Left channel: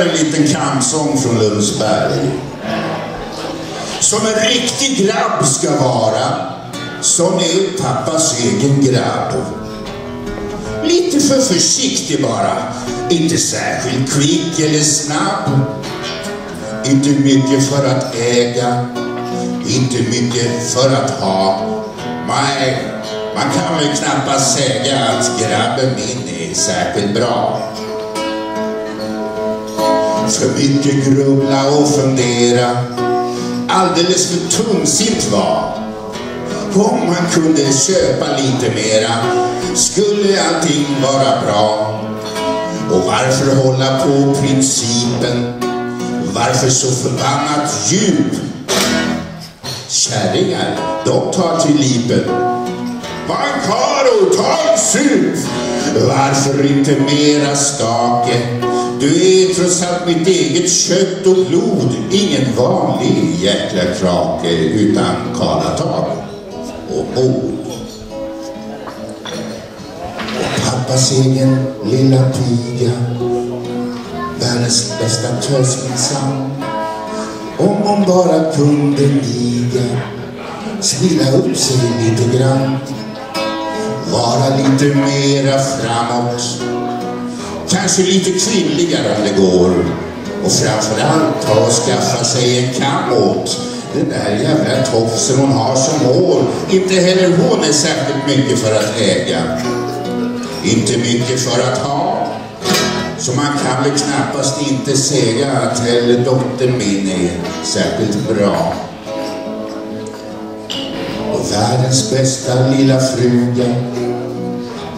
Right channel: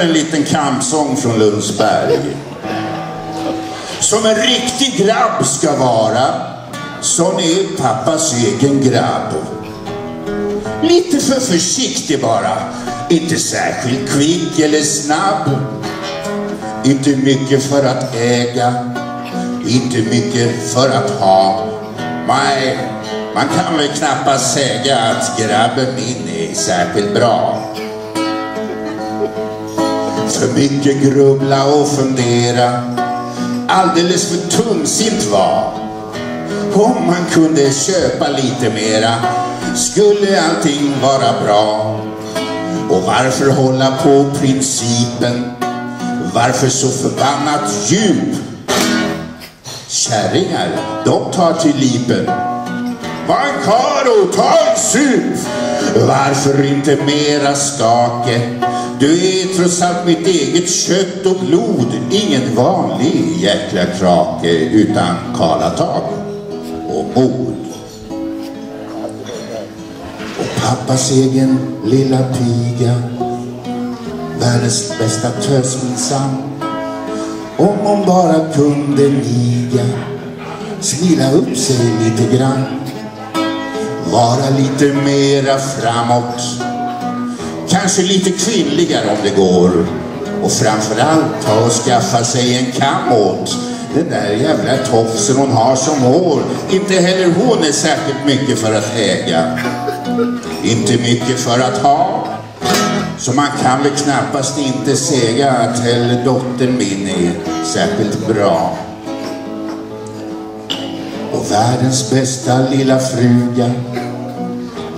En liten kampsång från Lundsberg. Som en riktig grabb ska vara, sån är pappas egen grabb. Lite för försiktig bara, inte särskilt kvick eller snabb. Inte mycket för att äga, inte mycket för att ha. Nej, man kan väl knappast säga att grabben min är särskilt bra. För mycket grubbla och fundera, alldeles för tungsint var. Om man kunde köpa lite mera skulle allting vara bra. Och varför hålla på principen? Varför så förbannat djup? Kärringar, de tar till lipen. Man karo, ta en sup! Varför inte mera stake? Du är trots allt mitt eget kött och blod. Ingen vanlig jäkla krake utan karlatag och mod. Och pappas egen lilla piga, världens bästa tös minsann. Om hon bara kunde niga, snilla upp sig lite grann, vara lite mera framåt, kanske lite kvinnligare om det går. Och framförallt ta och skaffa sig en kam åt den där jävla tofsen hon har som hår. Inte heller hon är särskilt mycket för att äga, inte mycket för att ha. Så man kan väl knappast inte säga att heller dottern min är särskilt bra. Och världens bästa lilla fruga,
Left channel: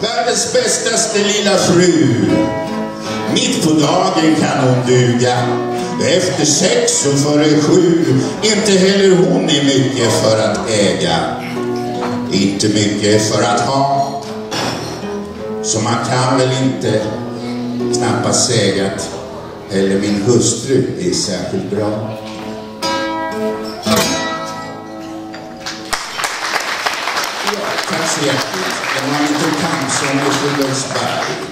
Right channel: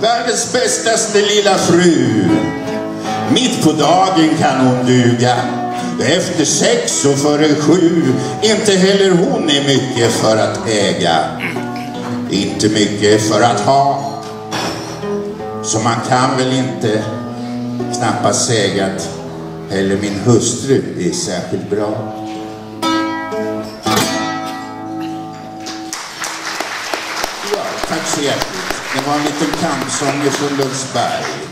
världens bästaste lilla fru. Mitt på dagen kan hon duga, efter 6 och före 7. Inte heller hon är mycket för att äga, inte mycket för att ha. Så man kan väl inte knappast säga att heller min hustru är särskilt bra. Ja, tack så hjärtligt. Det var en liten kampsång från Lundsberg.